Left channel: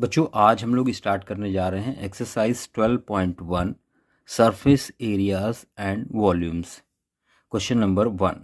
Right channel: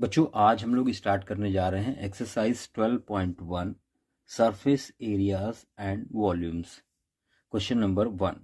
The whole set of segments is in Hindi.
बच्चों आज हम लोग स्टार्ट करने जा रहे हैं exercise 12.1 surface areas and volumes. Question number 1,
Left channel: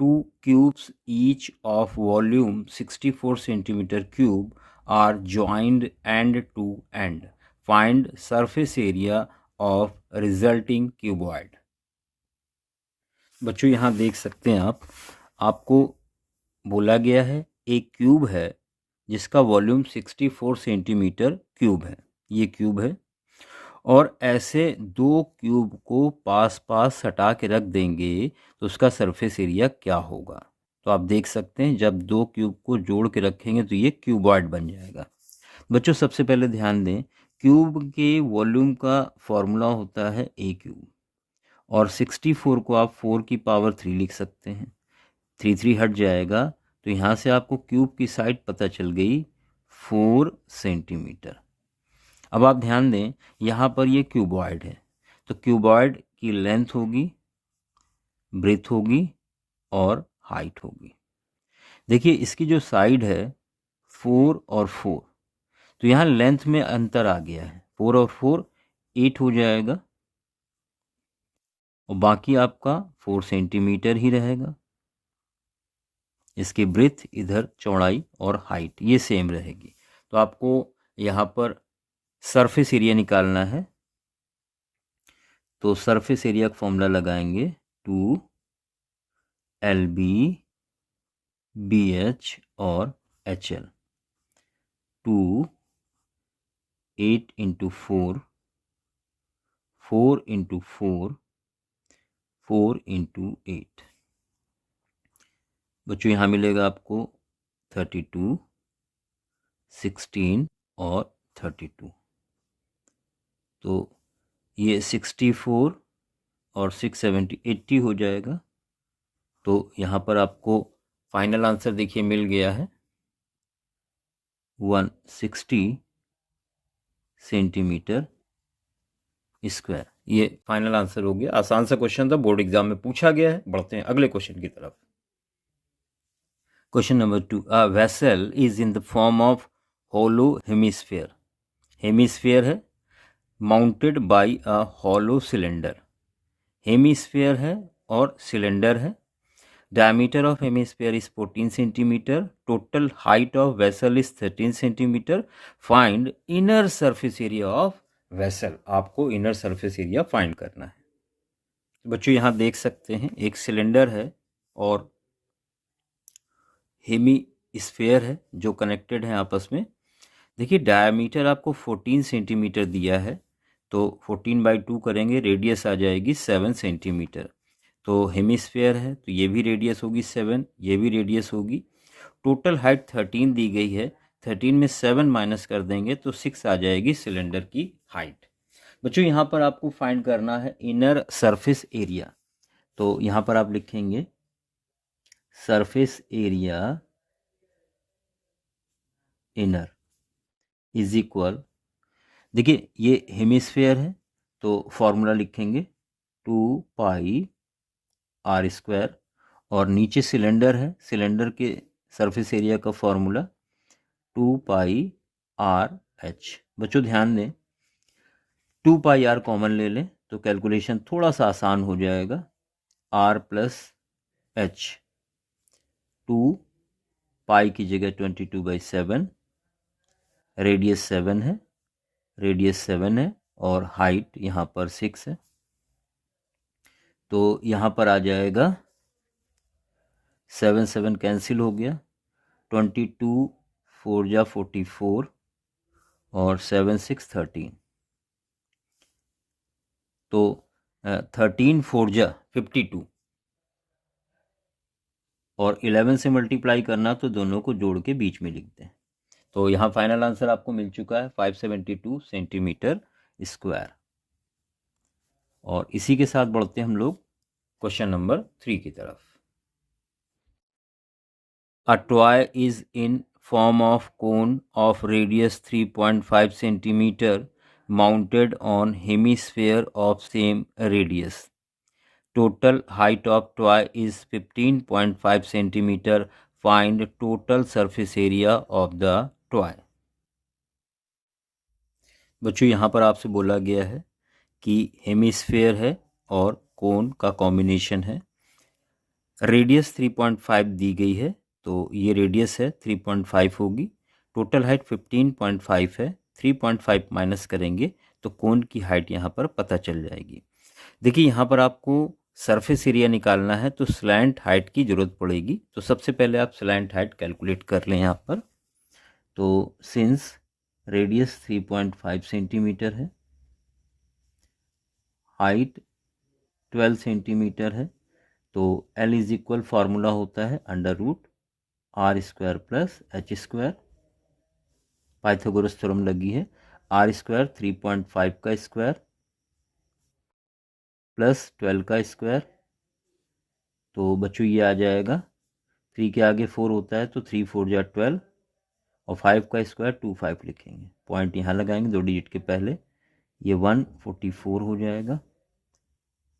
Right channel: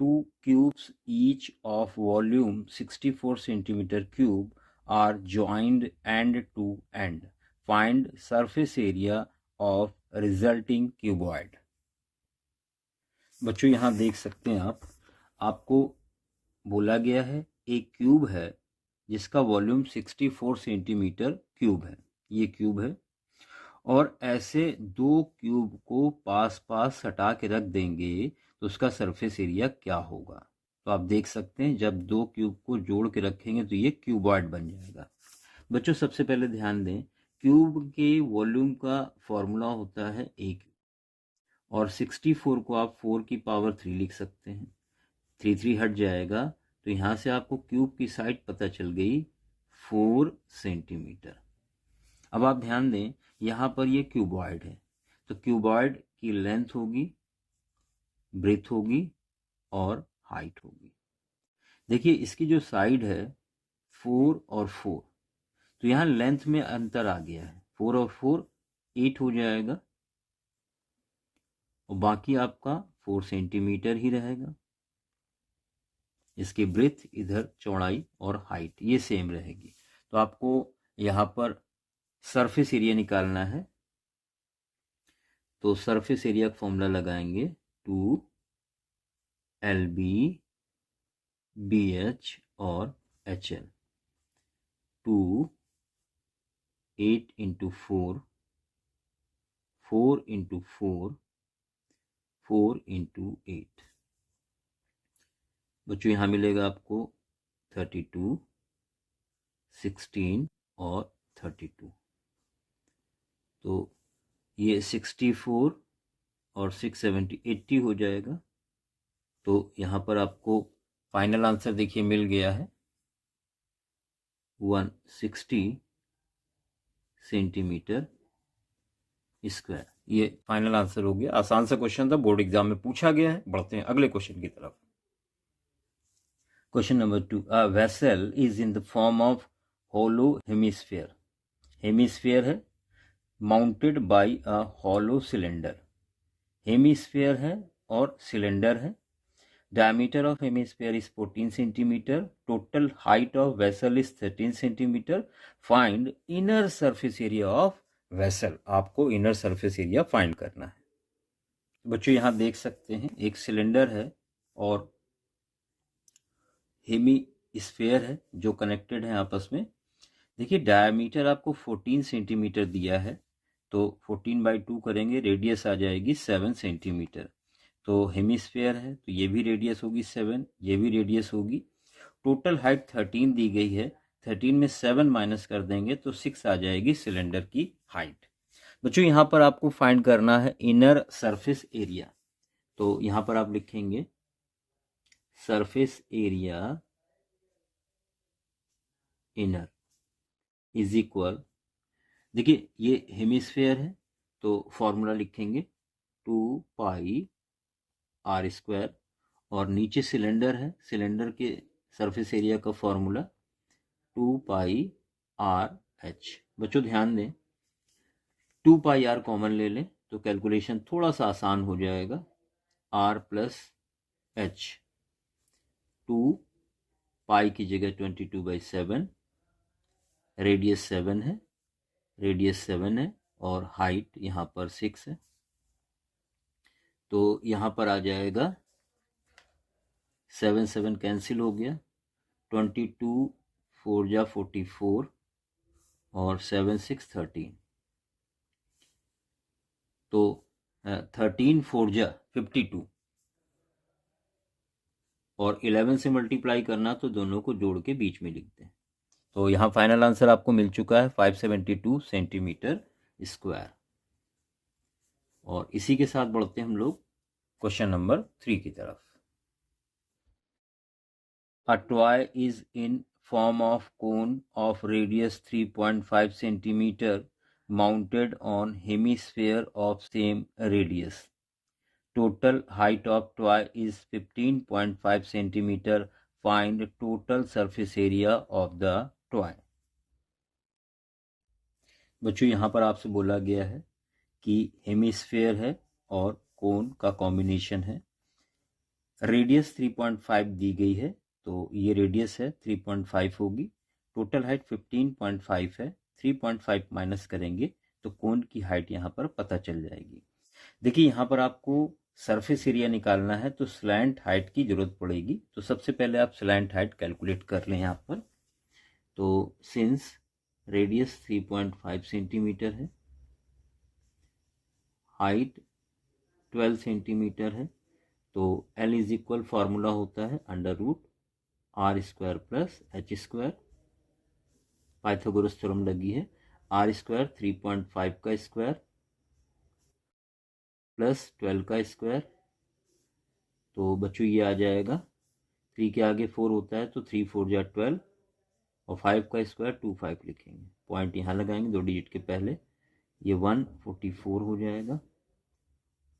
two cubes each of volume 64 centimetre cube are joined end to end, find surface area of resulting cuboid. बच्चों यहाँ देख सकते हैं आपको बोला गया है एक क्यूब है जिसका वॉल्यूम 64 सेंटीमीटर क्यूब है, ये क्यूब है, और ऐसे दो क्यूब को पास पास हटा के रख देंगे तो उसका सरफेस एरिया क्या होगा। तो आप देख सकते हैं जब दो क्यूब को जोड़ के रखेंगे तो ये क्यूबॉइड बन जाएगा। बच्चों सबसे पहले ध्यान दें, क्यूब के वॉल्यूम का फॉर्मूला होता है ए क्यूब, और 64 को आप 4 की पावर 3 लिख सकते हैं। 3 हट जाएगा तो यहाँ से आपको क्यूब की साइड पता चल गई 4 सेंटीमीटर। अब आप ध्यान दें यहाँ पर ये क्यूबॉइड है, तो क्यूबॉइड की लेंथ होगी, ब्रेथ होगी और हाइट होगी। देखिए इसकी जो साइड है 4 और 4, तो यहाँ लेंथ में अंतर आ गया है, 4 और 4 8 हो जाएगा, और बाकी आपका 4 सेंटीमीटर ही रहेगा। इसकी ब्रेथ इधर चौड़ाई और हाइट ये सेम रहेगी। तो आपको यहाँ पर सरफेस एरिया निकालना है, तो सरफेस एरिया का फॉर्मूला लगाएंगे 2LB BH और HL। 2 8 into 4, 4 into 4, 4 into 8। बच्चों यहाँ मिलेगा आपको 32, 16 और 32। तो ये 64 और 670 80 हो जाएगा। तो यहाँ पर आपको फाइनल आंसर देखिए मिल गया है 160 सेंटीमीटर स्क्वायर। ये फाइनल आंसर हो गया। आसान सा क्वेश्चन था, बोर्ड एग्जाम में पूछा गया है। बढ़ते हैं अगले क्वेश्चन की तरफ। Question number 2, a vessel is in the form of hollow hemisphere. Hemisphere है mounted by a hollow cylinder. Hemisphere है और सिलेंडर है। Diameter of hemisphere is 14 centimeter. Total height of vessel is 13 centimeter. Find inner surface area of vessel. आपको inner surface area find करना है। बच्चों यहाँ देख सकते हैं एक सिलेंडर है और हेमी स्फेयर है जो कनेक्टेड है आपस में। देखिए डायमीटर आपको 14 सेंटीमीटर दिया है, तो 14/2 करेंगे, रेडियस आ जाएगी 7 सेंटीमीटर। तो हेमिस्फेयर है तो ये भी रेडियस होगी 7, ये भी रेडियस होगी। टोटल हाइट 13 दी गई है, 13 में 7 माइनस कर देंगे तो 6 आ जाएगी सिलेंडर की हाइट। बच्चों यहाँ पर आपको फाइंड करना है इनर सरफेस एरिया। तो यहाँ पर आप लिखेंगे surface area inner is equal, देखिए ये हेमिस्फेयर है तो फॉर्मूला लिखेंगे 2πr², और नीचे सिलेंडर है, सिलेंडर के सरफेस एरिया का फॉर्मूला 2πrh। बच्चों ध्यान दें 2πr कॉमन ले लें तो कैलकुलेशन थोड़ा सा आसान हो जाएगा। r प्लस h, 2 की जगह 22/7, रेडियस 7 है, रेडियस 7 है और हाइट यहाँ पर 6 है। तो यहाँ पर आ जाएगा 7 7 कैंसिल हो गया, 22 4 जा 44 और 7 6 13। तो 13 4 जा 52 और 11 से मल्टीप्लाई करना तो दोनों को जोड़ के बीच में लिखते हैं। तो यहाँ फाइनल आंसर आपको मिल चुका है 572 सेंटीमीटर स्क्वायर। और इसी के साथ बढ़ते हैं हम लोग क्वेश्चन नंबर 3 की तरफ। A toy is in form of cone of radius 3.5 centimeter mounted on hemisphere of same radius. Total height of toy is 15.5 centimeter. Find total surface area of the toy. बच्चों यहाँ पर आपसे बोला गया है कि हेमिस्फेयर है और कोन का कॉम्बिनेशन है। रेडियस 3.5 दी गई है, तो ये रेडियस है 3.5 होगी। टोटल हाइट 15.5 है, 3.5 माइनस करेंगे तो कोन की हाइट यहाँ पर पता चल जाएगी। देखिए यहाँ पर आपको सरफेस एरिया निकालना है तो स्लैंट हाइट की ज़रूरत पड़ेगी। तो सबसे पहले आप स्लैंट हाइट कैलकुलेट कर लें यहाँ पर। तो सिंस रेडियस 3.5 सेंटीमीटर है, हाइट 12 सेंटीमीटर है, तो L इज इक्वल फार्मूला होता है √r² plus h²। Pythagoras theorem लगी है। r² 3.5 का स्क्वायर प्लस 12 का स्क्वायर, तो बच्चों ये आ जाएगा 3 के आगे 4 होता है तो 3 4 जा 12 और 5 का स्क्वायर 25 लिखेंगे। पॉइंट यहाँ लगाएंगे 2 डिजिट के पहले, ये 144 हो जाएगा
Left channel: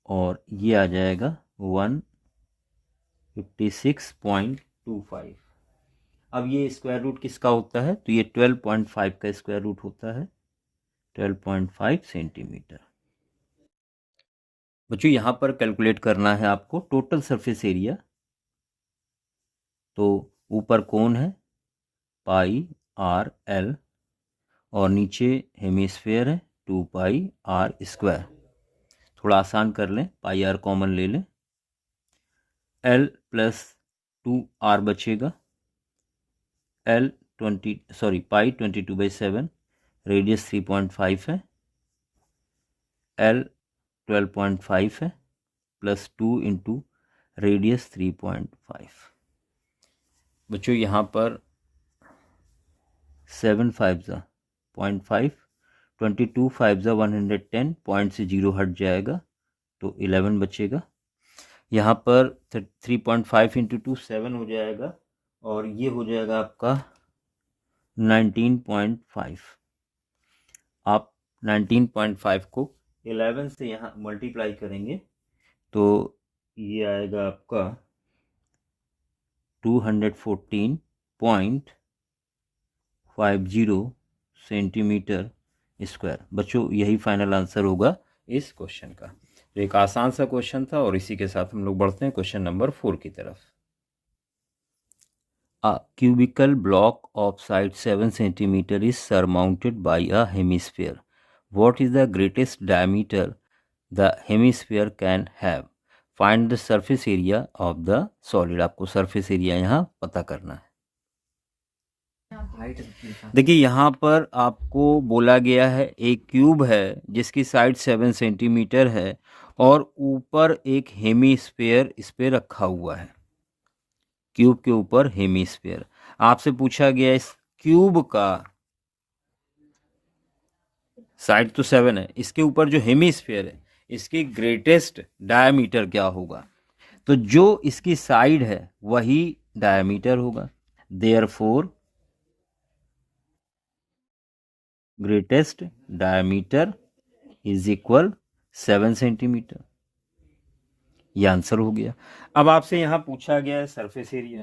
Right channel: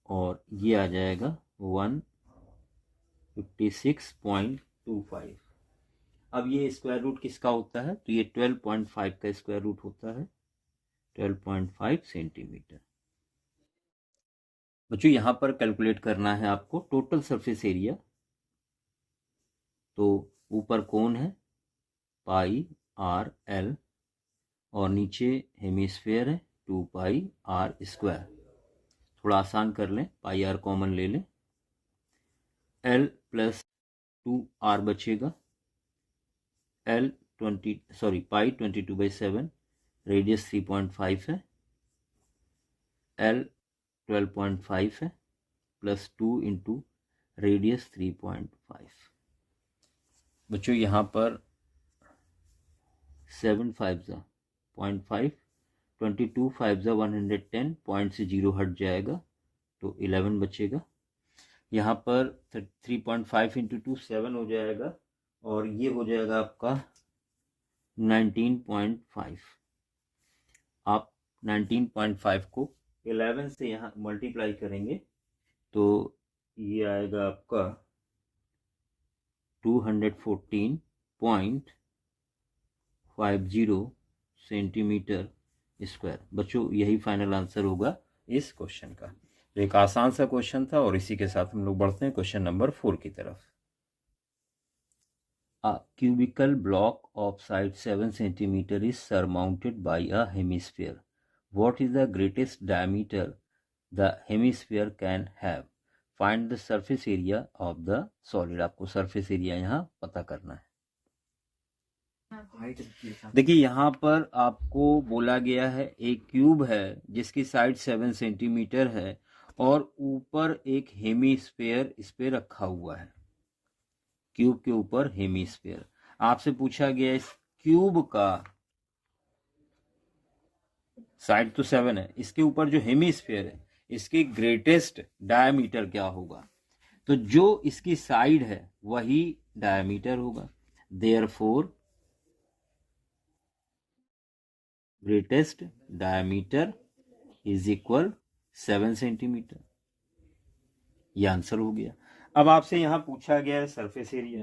और ये आ जाएगा 156.25। अब ये स्क्वायर रूट किसका होता है, तो ये 12.5 का स्क्वायर रूट होता है, 12.5 सेंटीमीटर। बच्चों यहाँ पर कैलकुलेट करना है आपको टोटल सरफेस एरिया। तो ऊपर कोन है πr_l और नीचे हेमिस्फेयर है 2πr²। थोड़ा आसान कर लें, πr कॉमन ले लें, l प्लस 2r बचेगा, π22/7, रेडियस 3.5 है, l 12.5 है, प्लस 2 इंटू रेडियस 3.5। बच्चों यहाँ पर 7 5 0.5, 22 5 110, पॉइंट से 0 हट जाएगा तो 11 बचेगा। यहाँ पर 3.5 इंटू 2 7 हो जाएगा और ये हो जाएगा आपका 19.5। आप 19.5 को 11 से यहाँ मल्टीप्लाई करेंगे तो ये आएगा आपका 214.50 सेंटीमीटर स्क्वायर। बच्चों यही फाइनल आंसर होगा इस क्वेश्चन का। तो एक आसान सा क्वेश्चन था और इसी के साथ हम लोग बढ़ते हैं क्वेश्चन नंबर 4 की तरफ। A cubical block of side 7 centimeter is surmounted by a hemisphere. What is the greatest diameter the hemisphere can have? Find the surface area of the solid. आपको surface area यहाँ पता करना है। देखिए यहाँ पर आपको बोला गया है एक क्यूब है जिसकी साइड 7 सेंटीमीटर है और ऊपर एक हेमिस्फीयर इस पे रखा हुआ है। क्यूब के ऊपर हेमिस्फीयर। आपसे पूछा गया इस क्यूब का साइड तो 7 है, इसके ऊपर जो हेमिस्फीयर है इसकी ग्रेटेस्ट डायमीटर क्या होगा, तो जो इसकी साइड है वही डायमीटर होगा। Therefore greatest diameter is equal 7 centimetre. ये आंसर हो गया। अब आपसे यहां पूछा गया है सरफेस एरिया।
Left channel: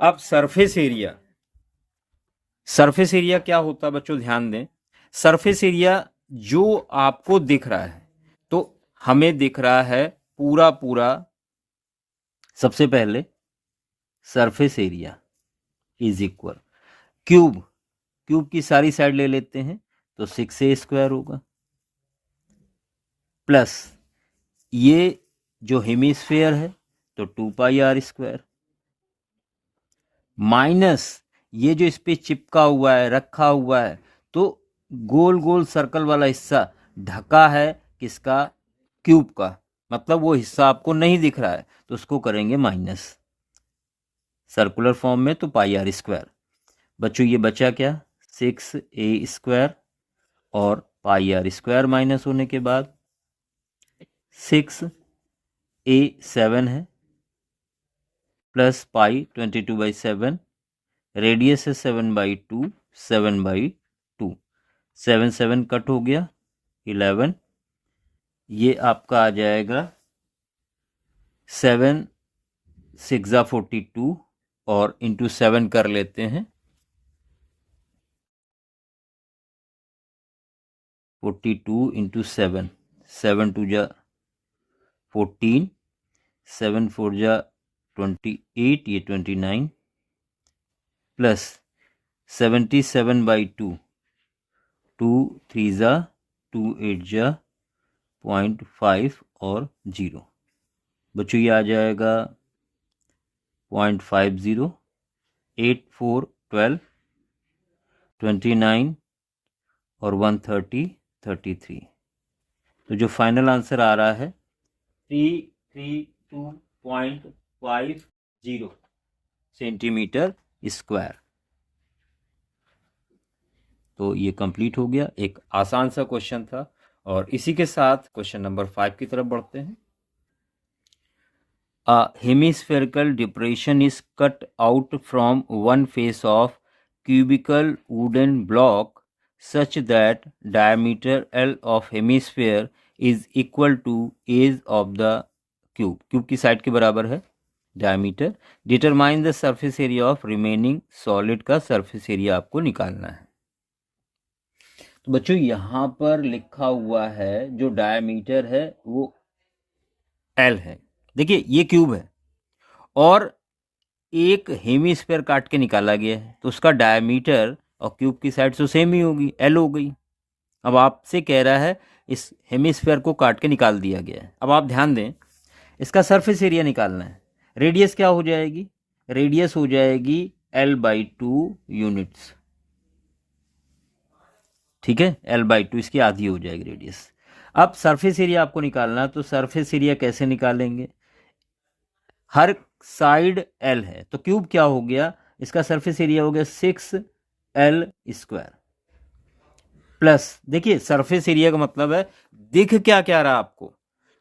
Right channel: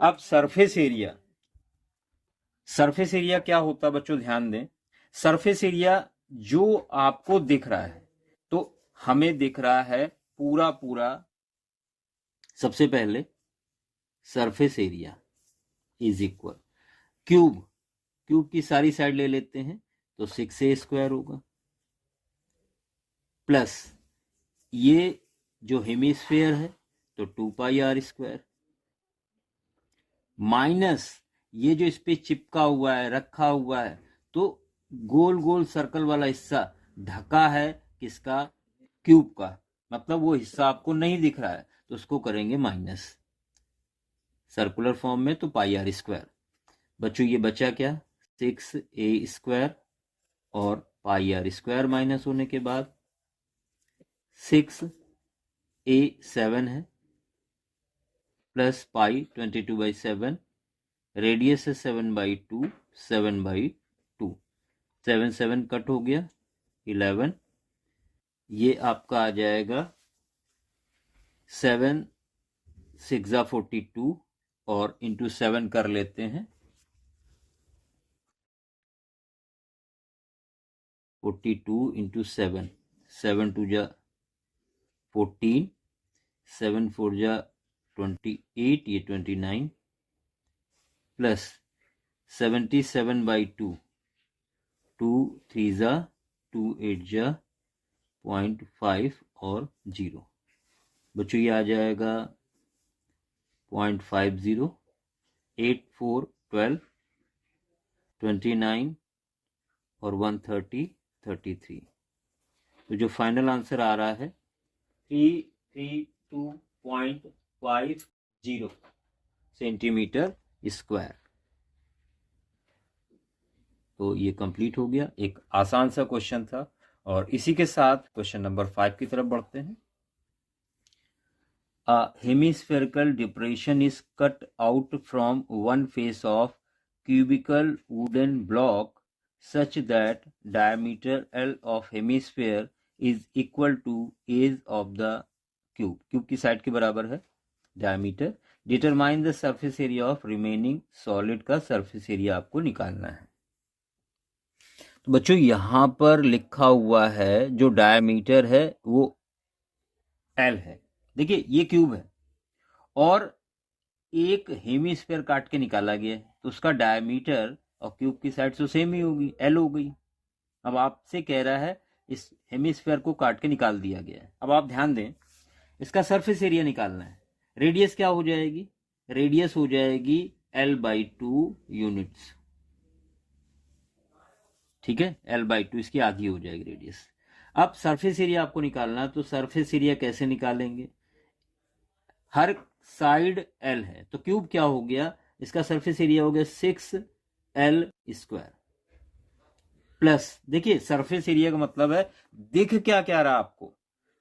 अब सरफेस एरिया क्या होता है बच्चों, ध्यान दें। सरफेस एरिया जो आपको दिख रहा है, तो हमें दिख रहा है पूरा सबसे पहले surface area is equal cube की सारी साइड ले लेते हैं तो 6a² होगा, प्लस ये जो हेमिस्फीयर है तो 2πr², माइनस ये जो इस पे चिपका हुआ है रखा हुआ है, तो गोल सर्कल वाला हिस्सा ढका है किसका, क्यूब का, मतलब वो हिस्सा आपको नहीं दिख रहा है तो उसको करेंगे माइनस। सर्कुलर फॉर्म में तो πr²। बच्चों ये बचा क्या, 6a² और πr² माइनस होने के बाद 6a 7 है प्लस पाई 22/7, रेडियस है 7/2, 7/2, 7 7 कट हो गया 11। ये आपका आ जाएगा 7 6 42 और इंटू 7 कर लेते हैं 42 इंटू 7, 7 2 जा 14, 7 4 जा 28, ये 29 प्लस 77/2, 2 3 जा 2 8 जा 0.5 और 0। बच्चों ये आ जाएगा 0.50, 8 4 12, 29 और 130 33। तो जो फाइनल आंसर आ रहा है 332.50 सेंटीमीटर स्क्वायर। तो ये कंप्लीट हो गया, एक आसान सा क्वेश्चन था। और इसी के साथ क्वेश्चन नंबर 5 की तरफ बढ़ते हैं। A hemispherical depression is cut out from one face of cubical wooden block such that diameter L of hemisphere is equal to age of the cube। Cube की साइड के बराबर है diameter. Determine the surface area of remaining solid का सरफेस एरिया आपको निकालना है। तो बच्चों यहां पर लिखा हुआ है जो डायमीटर है वो L है। देखिए ये क्यूब है और एक हेमीस्फीयर काट के निकाला गया है, तो उसका डायमीटर और क्यूब की साइड तो सेम ही होगी, L हो गई। अब आपसे कह रहा है इस हेमीस्फीयर को काट के निकाल दिया गया है। अब आप ध्यान दें, इसका सरफेस एरिया निकालना है। रेडियस क्या हो जाएगी? रेडियस हो जाएगी L/2 यूनिट्स। ठीक है, L/2 इसकी आधी हो जाएगी रेडियस। अब सरफेस एरिया आपको निकालना है, तो सरफेस एरिया कैसे निकालेंगे? हर साइड L है, तो क्यूब क्या हो गया? इसका सरफेस एरिया हो गया 6L² प्लस, देखिए सरफेस एरिया का मतलब है दिख क्या क्या रहा आपको।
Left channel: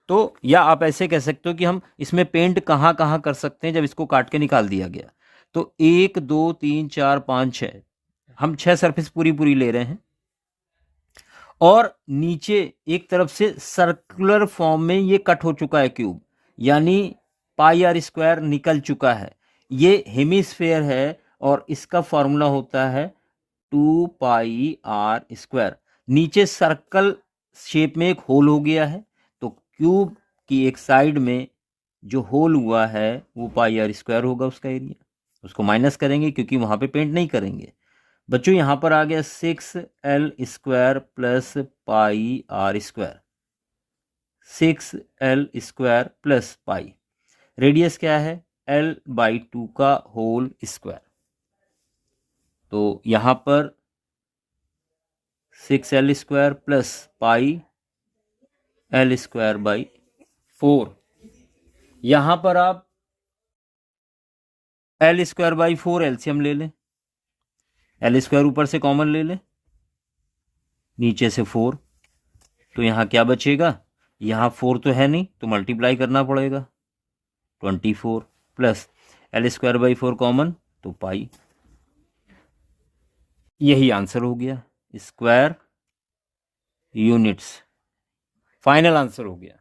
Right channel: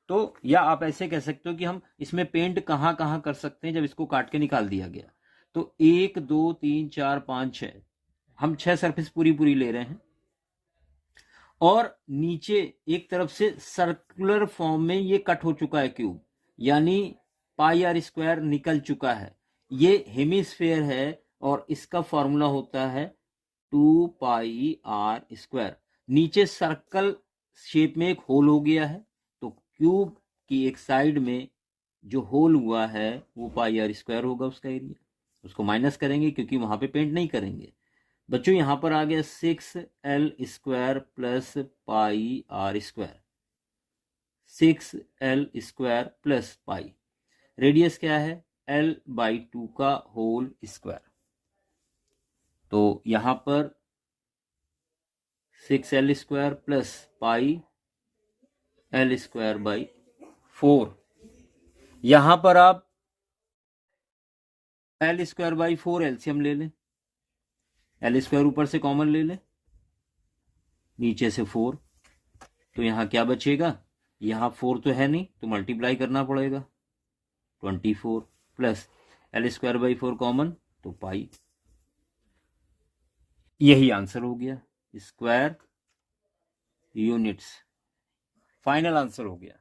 तो या आप ऐसे कह सकते हो कि हम इसमें पेंट कहाँ कहाँ कर सकते हैं जब इसको काट के निकाल दिया गया। तो 1 2 3 4 5 6, हम 6 सरफेस पूरी पूरी ले रहे हैं। और नीचे एक तरफ से सर्कुलर फॉर्म में ये कट हो चुका है क्यूब, यानी πr² निकल चुका है। ये हेमिस्फेयर है और इसका फॉर्मूला होता है 2πr²। नीचे सर्कल शेप में एक होल हो गया है, तो क्यूब की एक साइड में जो होल हुआ है वो πr² होगा उसका एरिया। उसको माइनस करेंगे क्योंकि वहां पे पेंट नहीं करेंगे। बच्चों यहां पर आ गया 6L² plus πr², 6L² plus pi. Radius क्या है? L/2 का होल स्क्वायर। तो यहां पर 6L² प्लस πL²/4। यहां पर आप L²/4 एलसीएम ले लें, L² ऊपर से कॉमन ले लें, नीचे से 4। तो यहां क्या बचेगा? यहां 4 तो है नहीं, तो मल्टीप्लाई करना पड़ेगा 24 प्लस L²/4 कॉमन, तो पाई। यही आंसर हो गया, स्क्वायर यूनिट्स। फाइनल आंसर हो गया।